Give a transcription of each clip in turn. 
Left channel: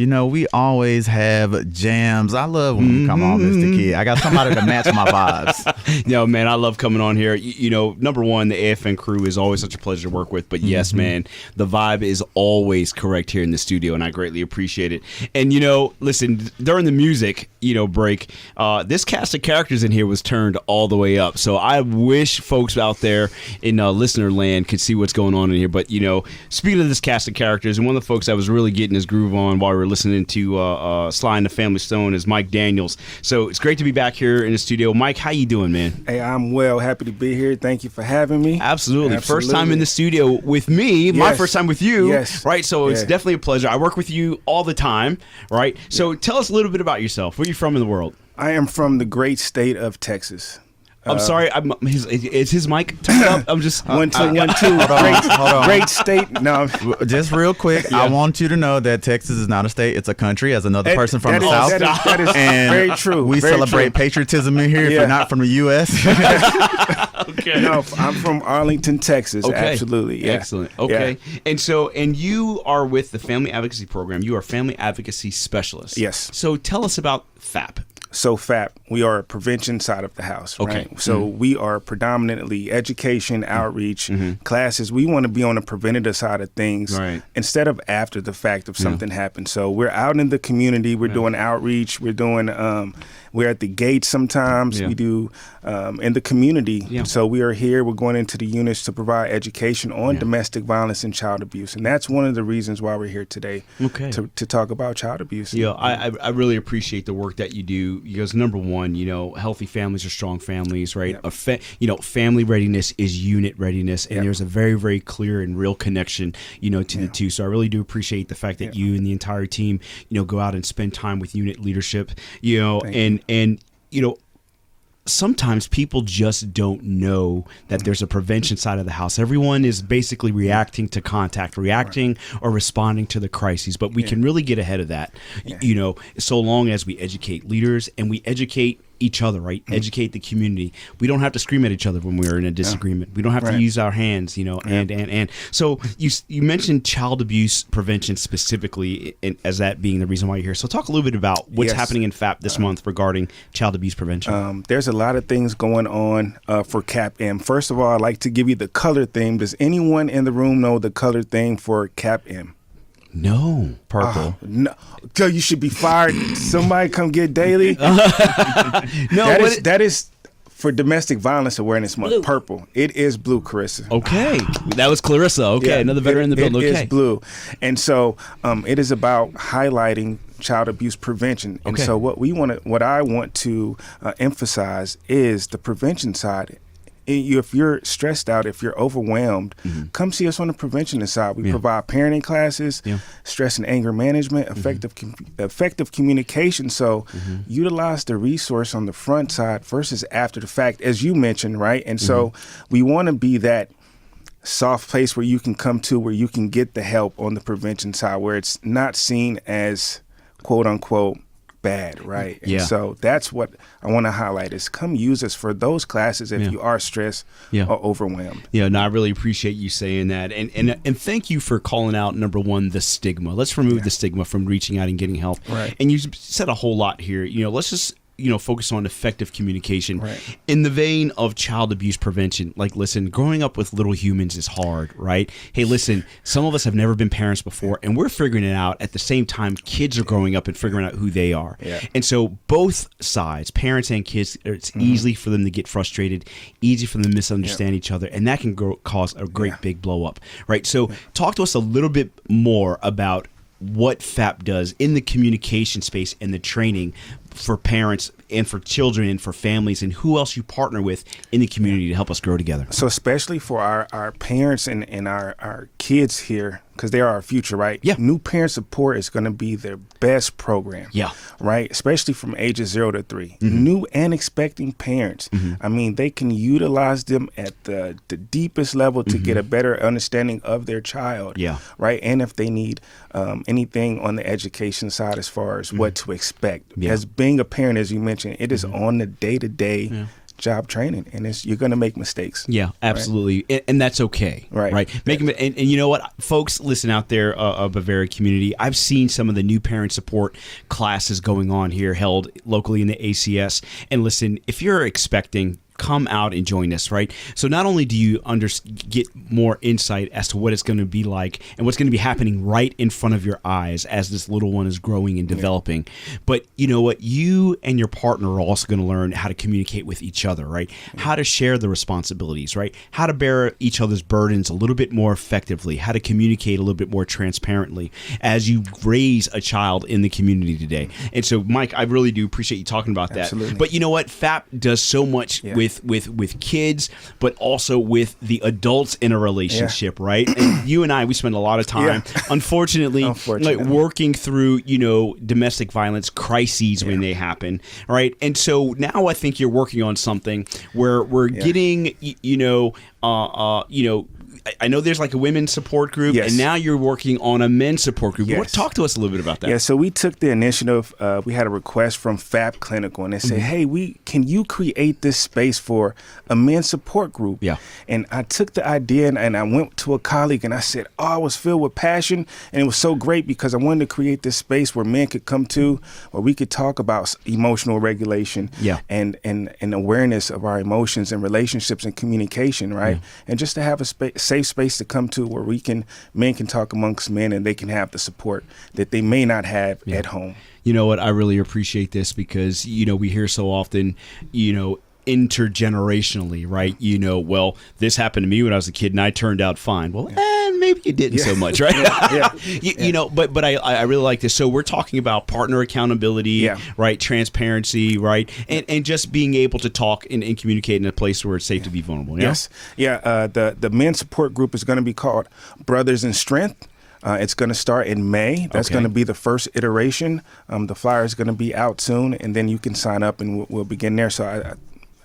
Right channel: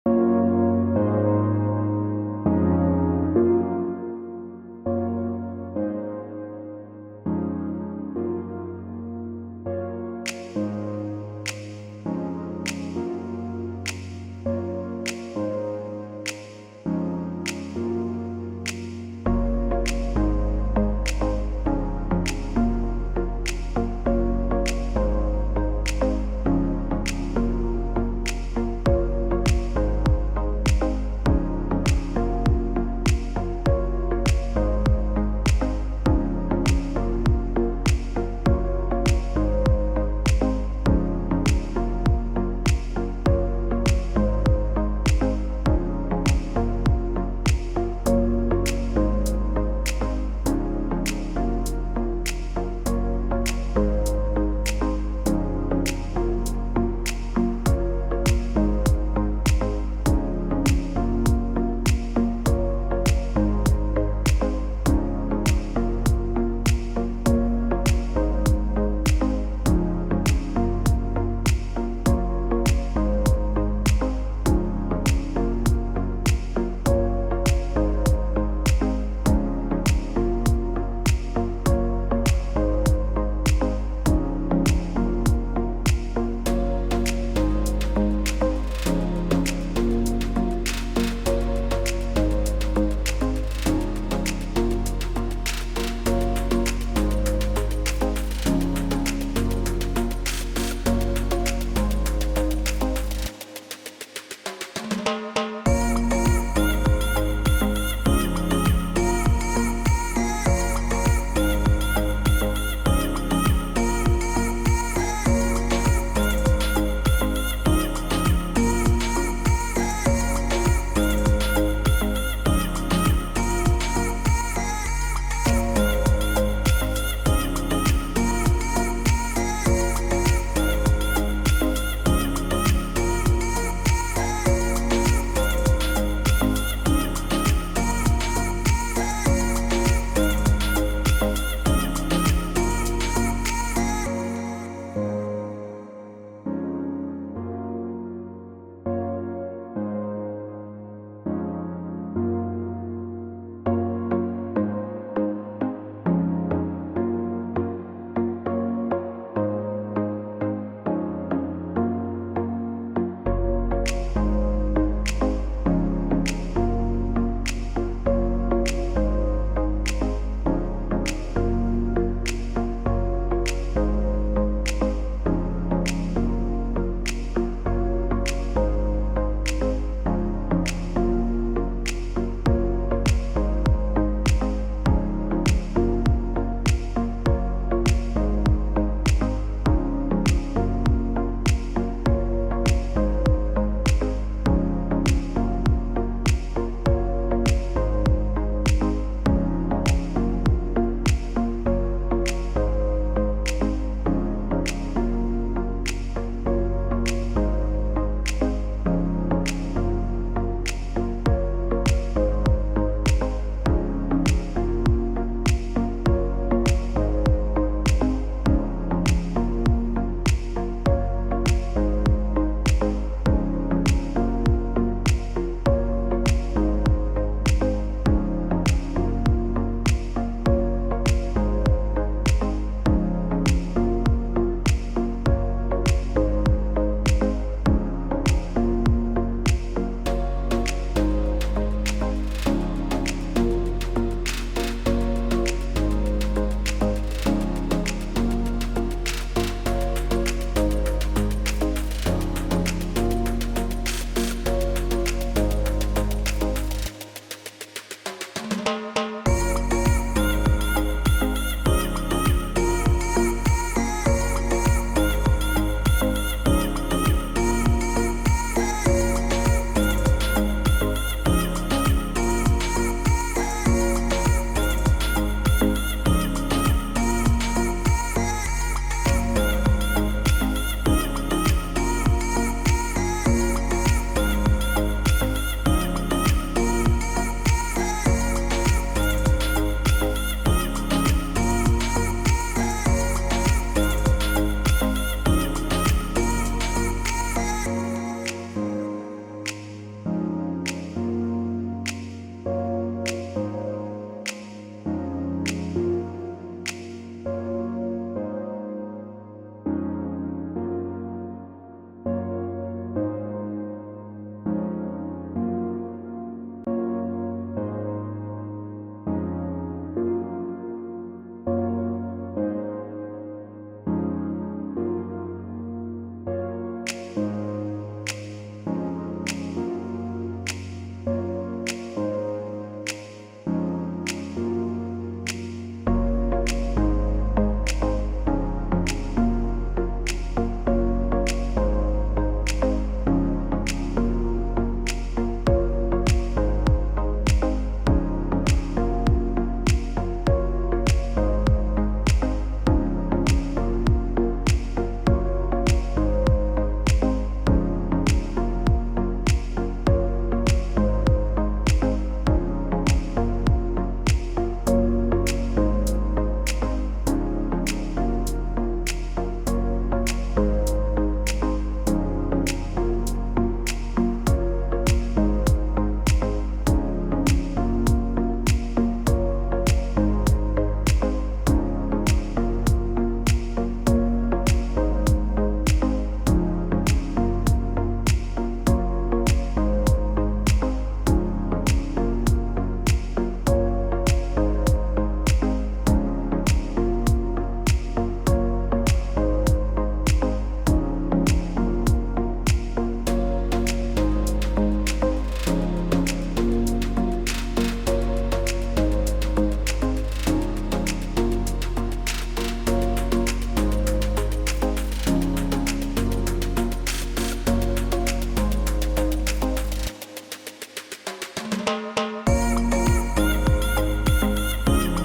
You know, we always have jams. I love when you come on, Mr. Kid. I got somebody to match my vibes. Yo, man, I love coming on here. You know, number one, the AFN crew is always such a pleasure to work with. But yes, man, the vibe is always correct here in the studio, and I greatly appreciate it. And, you know, listen, during the music, break, this cast of characters in here was turned all the way up. So I wish folks out there in listener land could see what's going on in here. But, you know, speaking of this cast of characters, and one of the folks that was really getting his groove on while we were listening to Sly and the Family Stone is Mike Daniels. So it's great to be back here in the studio. Mike, how you doing, man? Hey, I'm well. Happy to be here. Thank you for having me. Absolutely. First time in the studio with me. Yes. My first time with you. Yes. Right? So it's definitely a pleasure. I work with you all the time, right? So tell us a little bit about yourself. Where are you from in the world? I am from the great state of Texas. I'm sorry, is his mic turned up? I'm just... One, two. Great state. No, just real quick, I want you to know that Texas is not a state, it's a country, as another person from the South. That is and very true. We very celebrate true. patriotism in here, but not from the U.S. Okay. No, I'm from Arlington, Texas. Okay. Absolutely. Yeah. Excellent. Okay. Yeah. And you are with the Family Advocacy Program. You are a Family Advocacy Specialist. Yes. So tell us about FAP. So FAP, we are a prevention side of the house. Okay. Right? So we are predominantly education, outreach, classes. We want to be on the preventative side of things instead of after the fact if something happens. So we're out in the community. We're doing outreach. We're doing. We're at the gates sometimes. We do in the community. So we are here. We're going into the units to provide education on domestic violence and child abuse, and that's one of the reasons why we're here today. Okay. To talk about child abuse. Yeah, I really appreciate the work that you do. Because number one, healthy families are strong families, right? Family readiness is unit readiness, and there's a very, very clear and real connection, to the two. So I really do appreciate the fact that you and the entire team, go out and spend time with unit leadership, and sometimes people just don't know that there's a prevention side of the house. Everyone is basically reacting to contact, reacting or responding to the crisis, but we can really get ahead of that. So long as we educate leaders and we educate each other, right? Educate the community. We don't have to scream at each other when we're in a disagreement. We don't have to use our hands, and. So you mentioned child abuse prevention specifically as that being the reason why you're here. So talk a little bit about what's happening in FAP this month regarding child abuse prevention. There's a lot of things going on for CAP-M. First of all, I'd like to give you the color theme. Does anyone in the room know the color theme for CAP-M? No. Purple. No. So you should be fired. Somebody come get Daily. That is for Domestic Violence Awareness Month. Blue. Purple. It is blue, Clarissa. Okay. That was Clarissa. Okay. Another veteran in the building. It is blue. And so it is about highlighting child abuse prevention. And so what I want to emphasize is the prevention side. If you're stressed out, if you're overwhelmed, come see us on the prevention side. We provide parenting classes, stress and anger management, effective communication. So utilize the resource on the front side versus after the fact, as you mentioned, right? And so we want to be that soft place where you can come to, where you can get the help on the prevention side, where it's not seen as quote unquote bad, right? Yeah. So that's what I want to highlight is come use us for those classes if you are stressed or overwhelmed. I really appreciate you saying that. And thank you for calling out, number one, the stigma. Let's remove the stigma from reaching out and getting help. Right. And you said a whole lot here. Let's just, focus on effective communication. Right. In the vein of child abuse prevention, like, listen, growing up with little humans is hard, right? Hey, listen, some of us have never been parents before, and we're figuring it out. At the same time, kids are growing up and figuring out who they are. Yeah. And so both sides, parents and kids, it's easy for them to get frustrated, easy for them to misunderstand each other, and that can cause a great big blow up, right? So talk to us a little bit more about what FAP does in the communication space and the training for parents and for children and for families, and who else you partner with in the community to help us grow together. So especially for our parents and our kids here, because they are our future, right? Yeah. New parent support is going to be their best program. Yeah. Right? Especially from ages 0 to 3. New and expecting parents. I mean, they can utilize them at the deepest level to get a better understanding of their child. Yeah. Right? And if they need anything on the education side as far as what to expect. As being a parent, as you mentioned, it is on the day-to-day job training, and you're going to make mistakes. Yeah, absolutely, right? and that's okay, right? And you know what, folks, listen out there, Bavaria community. I've seen some of the new parent support classes going on here, held locally in the ACS. And listen, if you're expecting, come out and join us, right? So not only do you get more insight as to what it's going to be like and what's going to be happening right in front of your eyes as this little one is growing and developing, but you know what, you and your partner are also going to learn how to communicate with each other, right? How to share the responsibilities, right? How to bear each other's burdens a little bit more effectively, how to communicate a little bit more transparently as you raise a child in the community today. And so, Mike, I really do appreciate you talking about that. Absolutely. But you know what, FAP does so much with kids, but also with the adults in a relationship, right? And you and I, we spend a lot of time, unfortunately, like working through, domestic violence crises when they happen, right? And so now I think you're working on something where we're getting, I know there's like a women's support group, and now you're working on a men's support group. Talk to us a little bit about that. Yeah, so we took the initiative. We had a request from FAP Clinical, and they said, hey, can you create this space for a men's support group? Yeah. And I took the idea and I went to a colleague and I said, I was filled with passion, and it was so great because I wanted to create this space where men could come to, where we could talk about emotional regulation and awareness of our emotions and relationships and communication, right? And just to have a safe space to come to where men can talk amongst men and they can have the support that they may not have at home. You know what, I really appreciate this because, we hear so often, intergenerationally, right? Well, this happened to me when I was a kid and I turned out fine. Well, maybe you didn't so much, right? But I really like this. So we're talking about partner accountability, right? Transparency, right? And just being able to talk and communicate in a place where it's safe to be vulnerable. Yes. The men's support group is going to be called Brothers in Strength. It's going to start in May. That's going to be the first iteration. The flyer is going to be out soon, and then you can sign up and we'll begin there. So I'm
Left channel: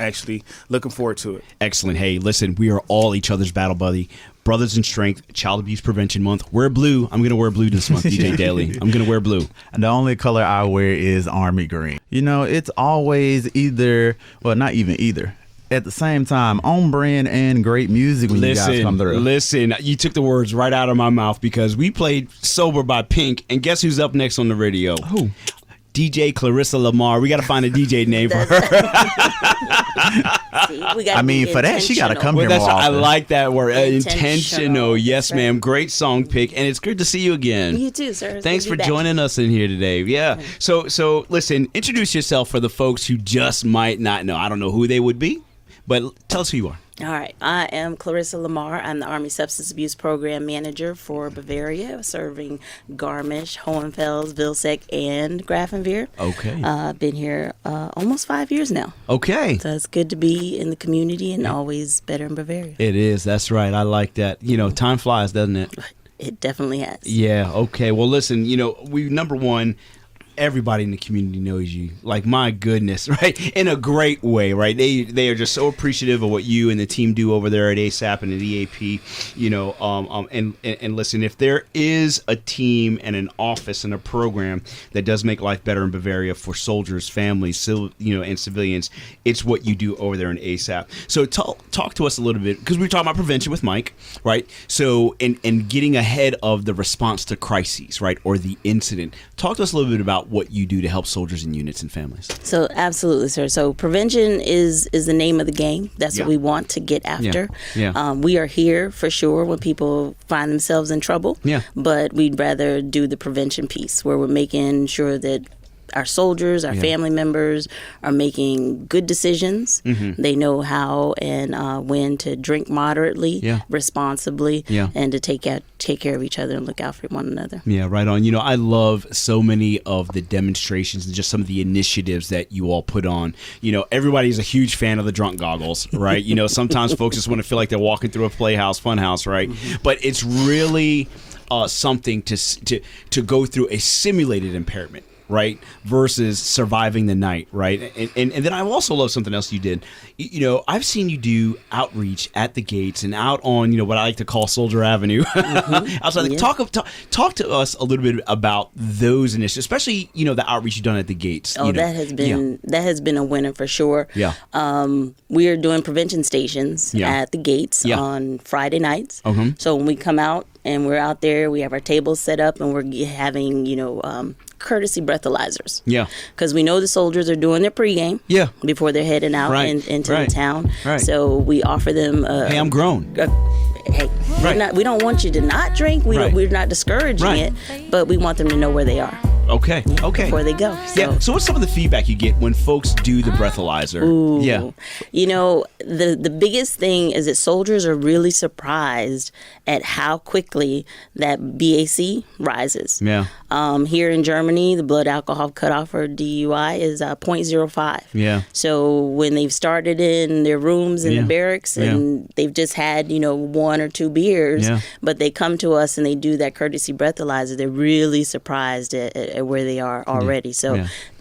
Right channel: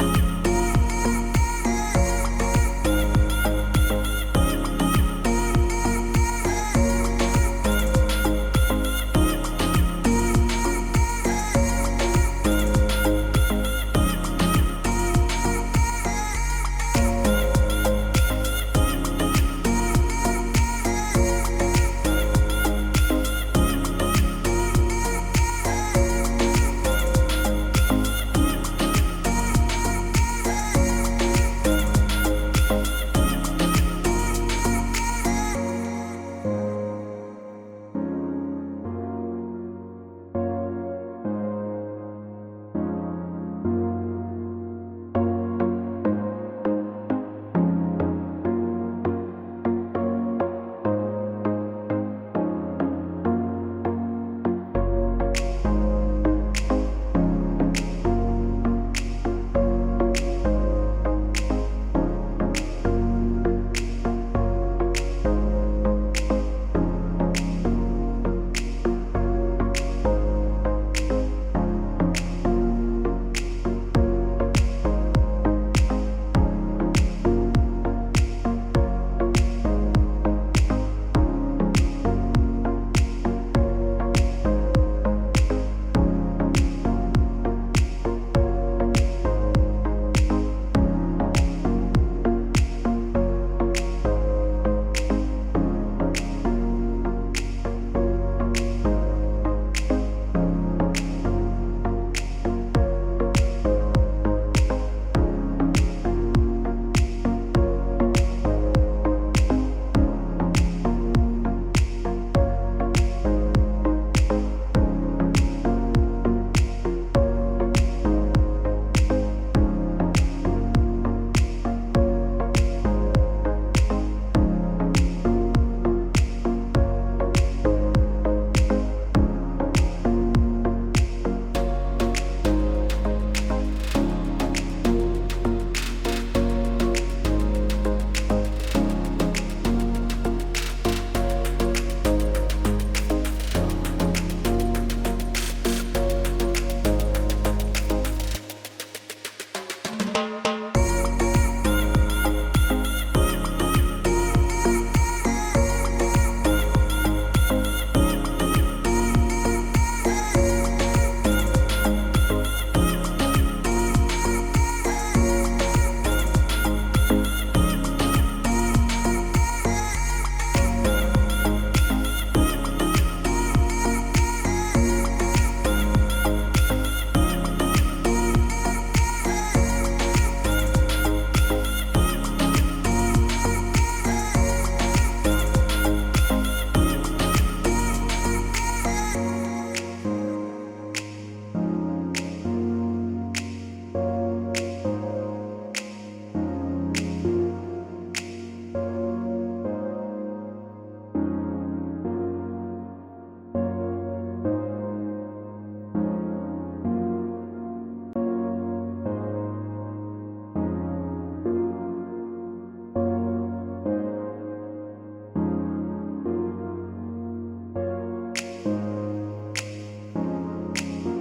actually looking forward to it. Excellent. Hey, listen, we are all each other's battle buddy. Brothers in Strength, Child Abuse Prevention Month. Wear blue. I'm going to wear blue this month, DJ Daly. I'm going to wear blue. The only color I wear is army green. It's always either, well, not even either. At the same time, on brand and great music when you guys come through. Listen, you took the words right out of my mouth because we played Sober by Pink, and guess who's up next on the radio? Who? DJ Clarissa Lamar. We got to find a DJ name for her. For that, she got to come here more often. I like that word. Intentional. Yes, ma'am. Great song pick, and it's good to see you again. You too, sir. Thanks for joining us in here today. Yeah. So listen, introduce yourself for the folks who just might not know. I don't know who they would be, but tell us who you are. All right. I am Clarissa Lamar. I'm the Army Substance Abuse Program Manager for Bavaria, serving Garmisch, Hohenfels, Vilseck, and Grafenwehr. Okay. I've been here almost 5 years now. Okay. So it's good to be in the community and always better in Bavaria. It is. That's right. I like that. Time flies, doesn't it? It definitely has. Yeah. Okay. Well, listen, number one, everybody in the community knows you. Like, my goodness, right? In a great way, right? They are just so appreciative of what you and the team do over there at ASAP and at EAP, and listen, if there is a team and an office and a program that does make life better in Bavaria for soldiers, families, and civilians, it's what you do over there in ASAP. So talk to us a little bit, because we were talking about prevention with Mike, right? So, in getting ahead of the response to crises, right? Or the incident. Talk to us a little bit about what you do to help soldiers and units and families. So absolutely, sir. So prevention is the name of the game. That's what we want to get after. We are here for sure when people find themselves in trouble. But we'd rather do the prevention piece where we're making sure that our soldiers, our family members are making good decisions. They know how and when to drink moderately, responsibly, and to take care of each other and look out for one another. Yeah, right on. I love so many of the demonstrations and just some of the initiatives that you all put on. Everybody's a huge fan of the drunk goggles, right? Sometimes folks just want to feel like they're walking through a playhouse, funhouse, right? But it's really something to go through a simulated impairment. right, versus surviving the night, right? And then I also love something else you did. You know, I've seen you do outreach at the gates and out on, you know, what I like to call Soldier Avenue. Talk to us a little bit about those initiatives, especially, you know, the outreach you've done at the gates. Oh, that has been a winner for sure. Yeah. We are doing prevention stations at the gates on Friday nights. So when we come out and we're out there, we have our tables set up and we're having, you know, courtesy breathalyzers. Yeah. Because we know the soldiers are doing their pregame. Yeah. Before they're heading out into the town. Right. So we offer them. Hey, I'm grown. We don't want you to not drink. We're not discouraging it, but we want them to know where they are. Okay. Before they go. So. Yeah. So what's some of the feedback you get when folks do the breathalyzer? Ooh. Yeah. You know, the biggest thing is that soldiers are really surprised at how quickly that BAC rises. Yeah. Here in Germany, the blood alcohol cutoff for DUI is 0.05. Yeah. So when they've started in their rooms in the barracks and they've just had, you know, 1 or 2 beers, but they come to us and they do that courtesy breathalyzer, they're really surprised at where they are already. So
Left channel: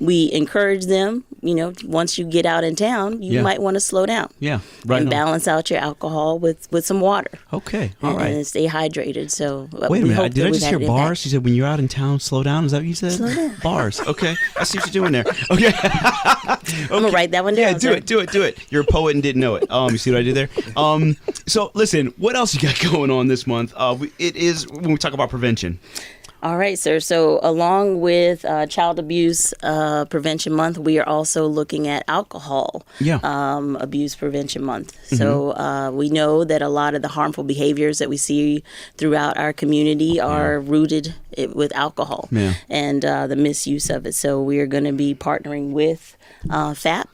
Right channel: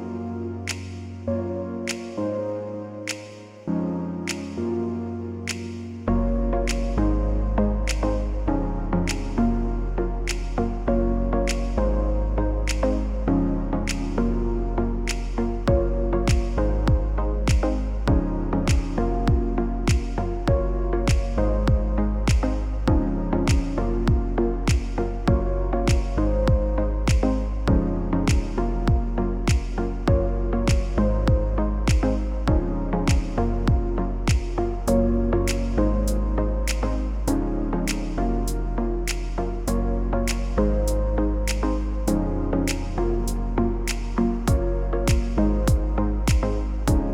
we encourage them, you know, once you get out in town, you might want to slow down. Yeah. Right. And balance out your alcohol with some water. Okay. All right. And stay hydrated. So wait a minute. Did I just hear bars? You said when you're out in town, slow down. Is that what you said? Slow down. Bars. Okay. I see what you're doing there. Okay. I'm gonna write that one down. Yeah, do it. You're a poet and didn't know it. You see what I did there? So listen, what else you got going on this month? It is when we talk about prevention. All right, sir. So along with Child Abuse Prevention Month, we are also looking at alcohol abuse prevention month. So we know that a lot of the harmful behaviors that we see throughout our community are rooted with alcohol and the misuse of it. So we are going to be partnering with FAP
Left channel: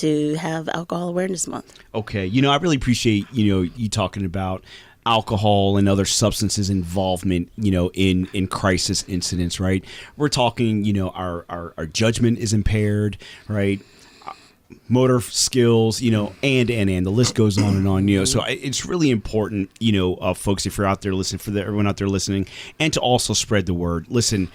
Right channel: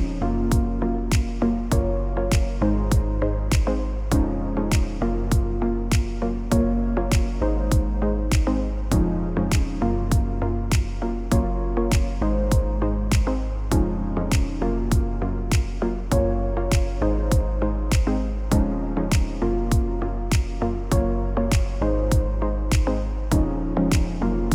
to have Alcohol Awareness Month. Okay. You know, I really appreciate, you know, you talking about alcohol and other substances involvement, you know, in crisis incidents, right? We're talking, you know, our judgment is impaired, right? Motor skills, you know, and the list goes on and on, you know. So it's really important, you know, folks, if you're out there listening, for everyone out there listening, and to also spread the word. Listen,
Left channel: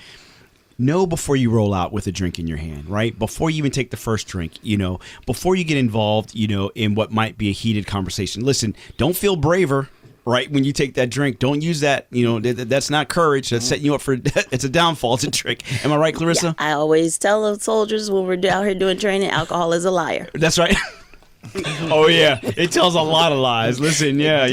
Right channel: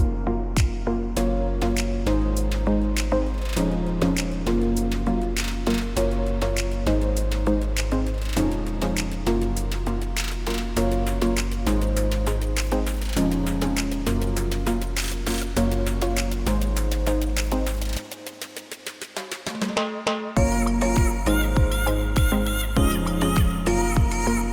know before you roll out with a drink in your hand, right? Before you even take the first drink, you know, before you get involved, you know, in what might be a heated conversation. Listen, don't feel braver, right? When you take that drink, don't use that, you know, that's not courage. That's setting you up for, it's a downfall. It's a trick. Am I right, Clarissa? Yeah, I always tell the soldiers when we're out here doing training, alcohol is a liar. That's right. Oh yeah, it tells a lot of lies. Listen, I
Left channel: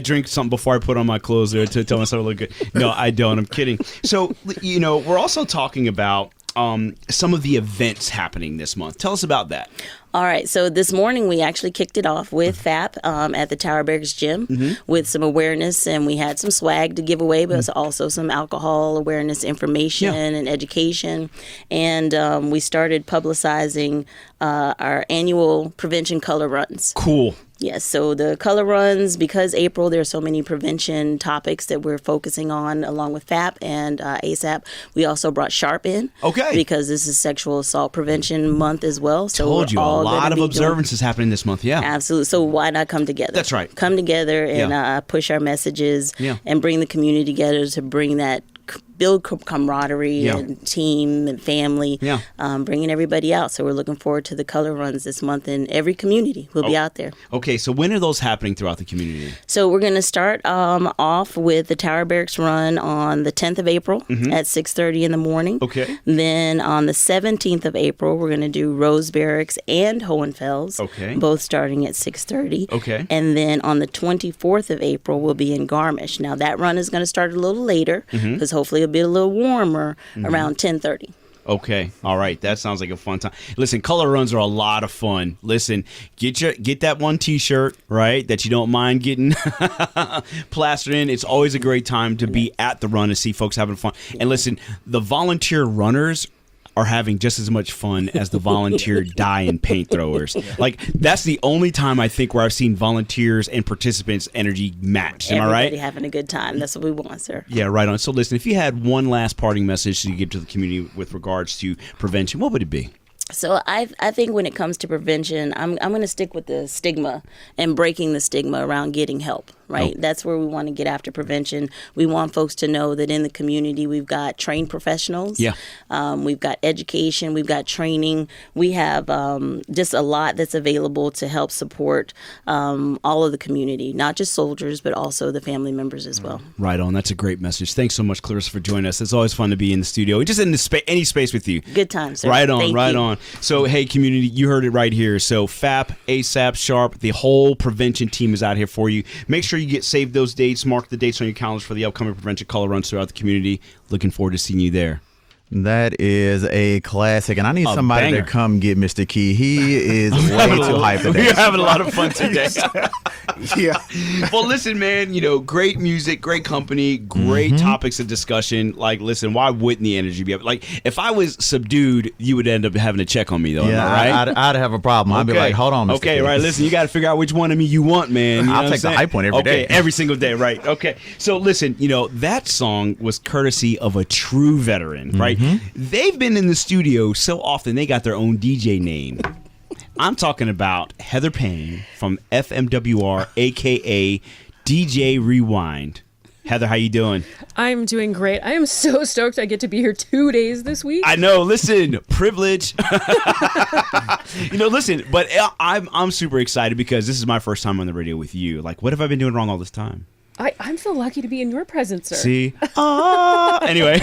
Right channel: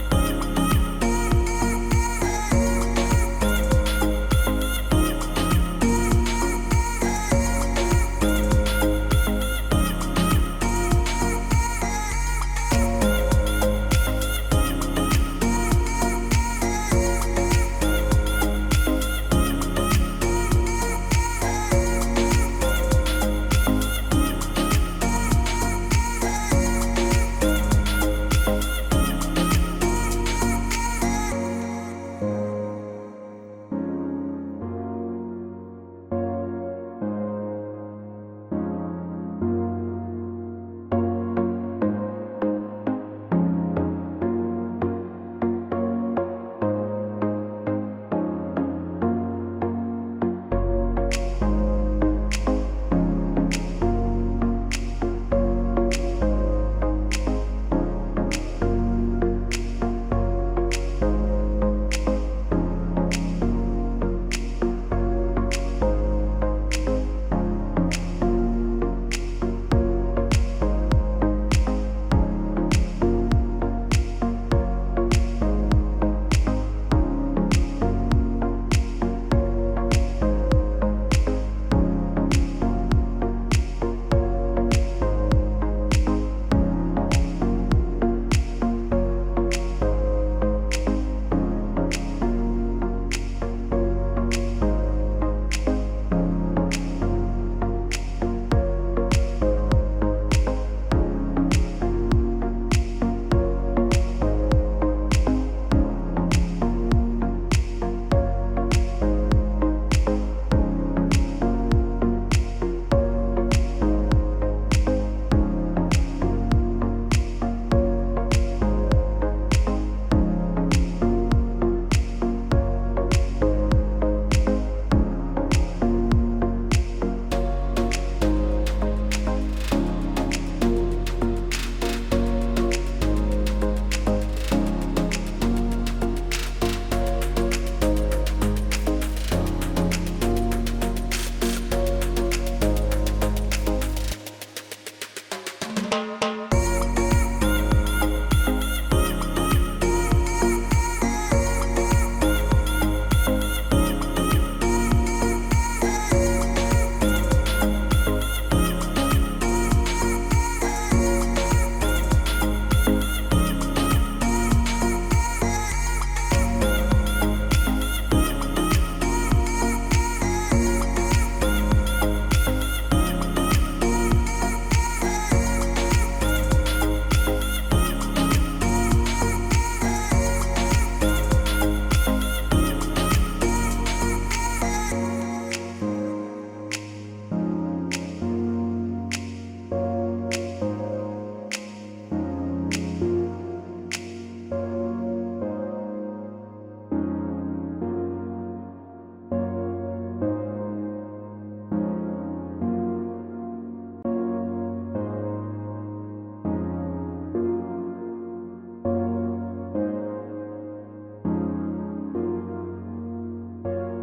drink something before I put on my clothes there to tell myself I look good. No, I don't. I'm kidding. So, you know, we're also talking about some of the events happening this month. Tell us about that. All right, so this morning we actually kicked it off with FAP at the Tower Barracks Gym with some awareness, and we had some swag to give away, but also some alcohol awareness information and education. And we started publicizing our annual prevention color runs. Cool. Yes, so the color runs, because April, there's so many prevention topics that we're focusing on along with FAP and ASAP. We also brought SHARP in. Okay. Because this is Sexual Assault Prevention Month as well. So told you, a lot of observances happening this month, Absolutely. So why not come together? That's right. Come together and push our messages and bring the community together to bring that, build camaraderie and team and family, bringing everybody out. So we're looking forward to the color runs this month in every community. We'll be out there. Okay, so when are those happening throughout the community? So we're going to start off with the Tower Barracks run on the 10th of April at 6:30 in the morning. Okay. Then on the 17th of April, we're going to do Rose Barracks and Hohenfels, both starting at 6:30. Okay. And then on the 24th of April, we'll be in Garmisch. Now that run is going to start a little later because hopefully it'll be a little warmer around 10:30. Okay, all right, that sounds like a fun time. Listen, color runs are a lot of fun. Listen, get that one T-shirt, right, that you don't mind getting plastered in. It's always a great time to be at the run and see folks having fun. And listen, the volunteer runners are having just as much fun as the volunteer dye and paint throwers. Like, that's the only time I think where I've seen volunteers and participants' energy match. Am I right? Everybody having a good time. That's what we want, sir. Yeah, right on. So listen, if you had one last parting message to give to the community with regards to prevention, what would it be? So I think when it comes to prevention, I'm going to stick with the stigma and breaking the stigma around getting help, right? That's where we want to get after prevention. We want folks to know that in the community we've got trained professionals. Yeah. We've got education, we've got training. We have just a lot that's available to help support all of the community, not just soldiers, but also the family members as well. Right on. That's a great message. Thanks so much, Clarissa, for joining us. It's always fun to be in the studio, just in any space with you. Good times, sir. Right on, Thank right you. on. So, hey, community, you heard it right here. So, FAP, ASAP, Sharp, the whole prevention team is out here for you. Make sure you save those dates, mark the dates on your calendars for the upcoming prevention color runs throughout the community. Looking forward to seeing you there. That is a classic, and I need somebody to come get Mr. Key. He is way too hype today. We're having a lot of fun today. Yeah. Well, listen, man, great music, great company, great topics of discussion. Like, listen, why wouldn't the energy be up? Like, if I was subdued, you would end up having to check on me, though. Yeah, right? I'd have a problem. I'd be like, hold on. Okay, right. Listen, you got to figure out which one of me you want, man. I'll take the hype one every day. Every single day, right. Okay. So, listen, that song was courtesy of a true veteran, right? They've been in the studio so often, they got their own DJ name. I'm talking about Heather Payne from FMWR, a.k.a. DJ Rewind. Heather, how you doing? I'm doing great. I am so stoked I get to be here 2 days this week. I know. Listen, privilege. Listen, but I'm super excited because this is my first time on the radio with you. Like, what have I been doing wrong all this time? I'm so lucky to be in your presence, sir. See? Anyway.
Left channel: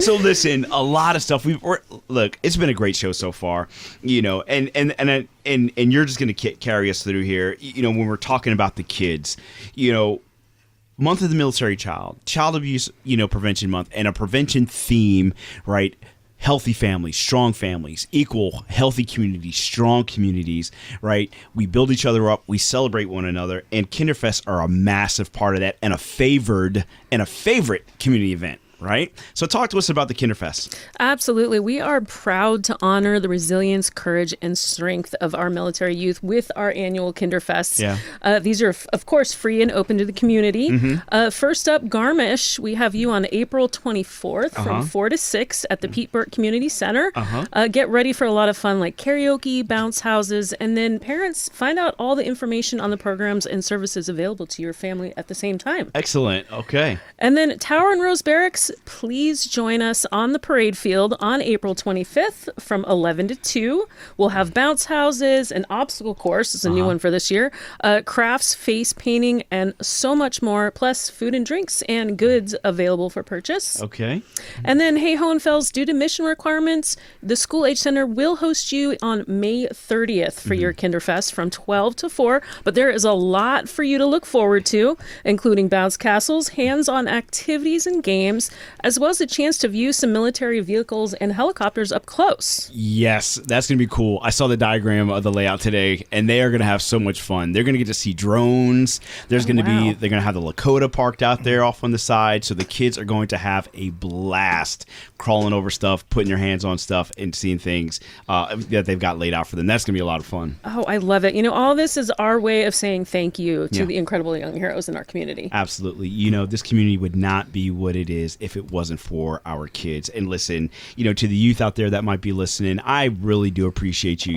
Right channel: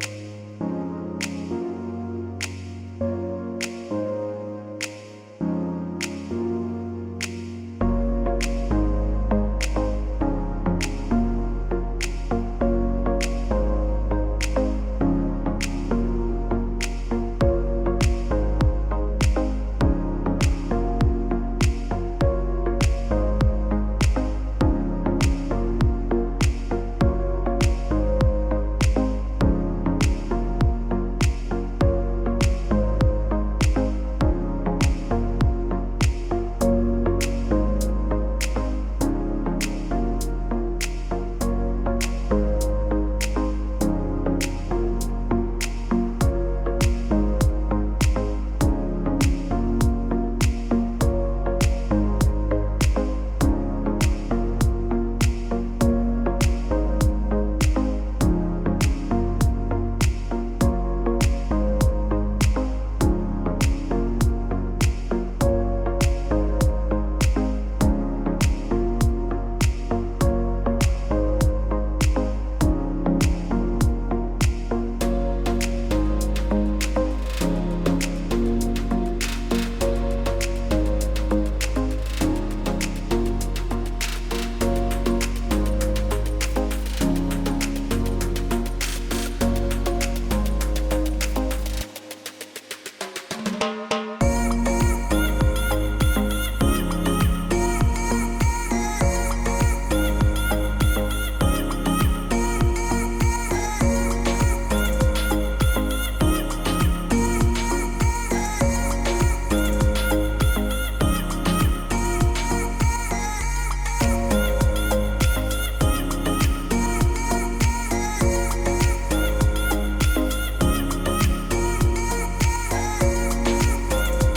So listen, a lot of stuff. Look, it's been a great show so far, and you're just going to carry us through here, when we're talking about the kids, Month of the Military Child Abuse, Prevention Month, and a prevention theme, right? Healthy families, strong families, equal, healthy communities, strong communities, right? We build each other up, we celebrate one another, and Kinderfests are a massive part of that and a favorite community event, right? So talk to us about the Kinderfest. Absolutely. We are proud to honor the resilience, courage, and strength of our military youth with our annual Kinderfests. Yeah. These are, of course, free and open to the community. First up, Garmisch, we have you on April 24th from 4 to 6 at the Pete Burke Community Center. Get ready for a lot of fun like karaoke, bounce houses, and then parents, find out all the information on the programs and services available to your family at the same time. Excellent. Okay. And then Tower and Rose Barracks, please join us on the parade field on April 25th from 11 to 2. We'll have bounce houses, an obstacle course, it's a new one for this year, crafts, face painting, and so much more, plus food and drinks and goods available for purchase. Okay. And then, hey, Hohenfels, due to mission requirements, the School Age Center will host you on May 30th for your Kinderfest from 12 to 4, but there is a lot for you to look forward to, including bounce castles, hands-on activities and games, as well as a chance to view some military vehicles and helicopters up close. Yes, that's going to be cool. I saw the diagram of the layout today, and they are going to have so much fun. They're going to get to see drones. They're going to have the Lakota parked out there off on the side, so the kids are going to have a blast crawling over stuff, putting their hands on stuff, and seeing things that they've got laid out for them. That's going to be a lot of fun. Oh, I love it. All this is our way of saying thank you to the incredible young heroes in our community. Absolutely. This community would not be what it is if it wasn't for our kids. And listen, to the youth out there that might be listening, I really do appreciate you.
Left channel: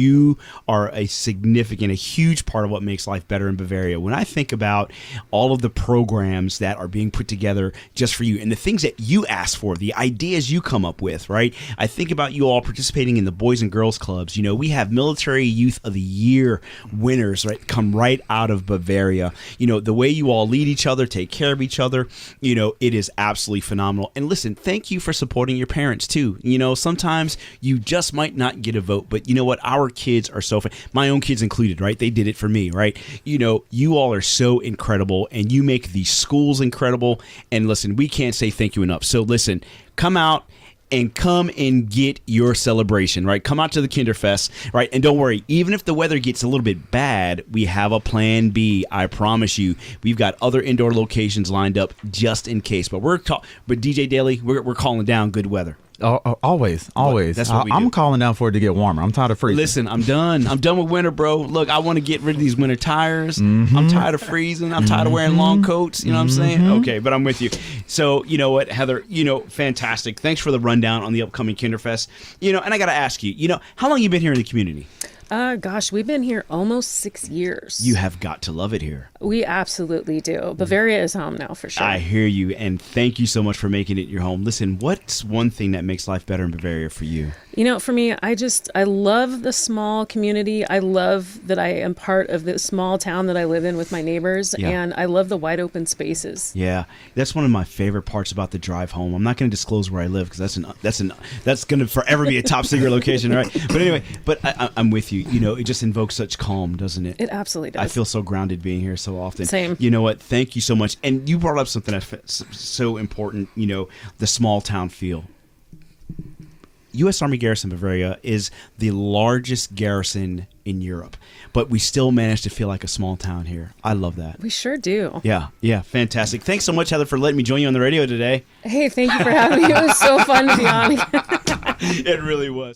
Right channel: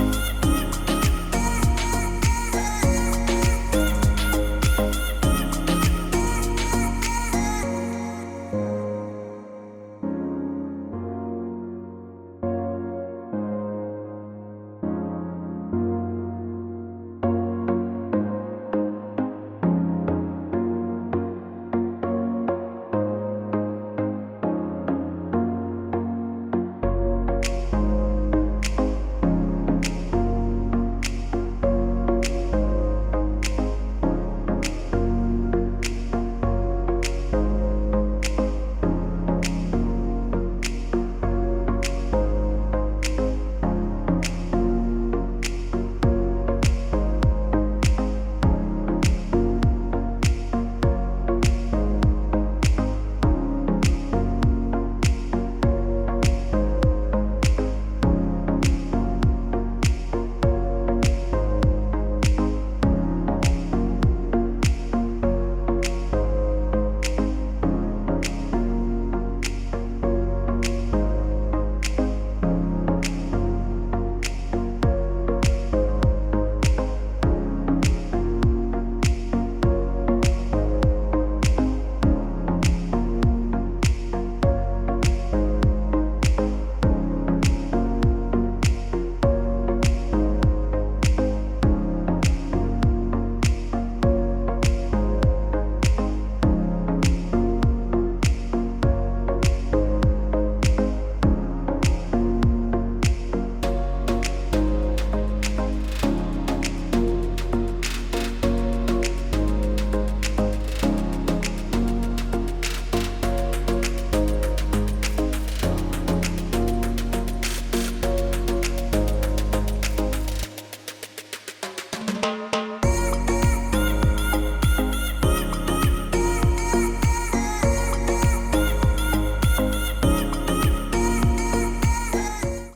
You are a huge part of what makes life better in Bavaria. When I think about all of the programs that are being put together just for you and the things that you ask for, the ideas you come up with, right? I think about you all participating in the Boys and Girls Clubs. We have Military Youth of the Year winners, right? Come right out of Bavaria. The way you all lead each other, take care of each other, it is absolutely phenomenal. And listen, thank you for supporting your parents too. Sometimes you just might not get a vote, but you know what? Our kids are so fun. My own kids included, right? They did it for me, right? You all are so incredible and you make these schools incredible. And listen, we can't say thank you enough. So listen, come out and come and get your celebration, right? Come out to the Kinderfest, right? And don't worry, even if the weather gets a little bit bad, we have a plan B. I promise you. We've got other indoor locations lined up just in case. But with DJ Daly, we're calling down good weather. Always. That's what we do. I'm calling out for it to get warmer. I'm tired of freezing. Listen, I'm done with winter, bro. Look, I want to get rid of these winter tires. I'm tired of freezing. I'm tired of wearing long coats. You know what I'm saying? Okay, but I'm with you. So, you know what, Heather, fantastic. Thanks for the rundown on the upcoming Kinderfest. And I got to ask you, how long you been here in the community? Gosh, we've been here almost 6 years. You have got to love it here. We absolutely do. Bavaria is home now, for sure. I hear you, and thank you so much for making it your home. Listen, what's one thing that makes life better in Bavaria for you? For me, I love the small community. I love that I am part of this small town that I live in with my neighbors, and I love the wide open spaces. Yeah, that's one of my favorite parts about the drive home. I'm not going to disclose where I live because that's going to forever be a top secret location, right? But anyway, I'm with you. It just invokes such calm, doesn't it? It absolutely does. I feel so grounded being here so often. Same. You know what? Thank you so much. And you brought up something that's so important, the small town feel. U.S. Army Garrison Bavaria is the largest garrison in Europe, but we still manage to feel like a small town here. I love that. We sure do. Yeah, fantastic. Thanks so much, Heather, for letting me join you on the radio today. Hey, thank you for having me. It was so fun to be on. It really was.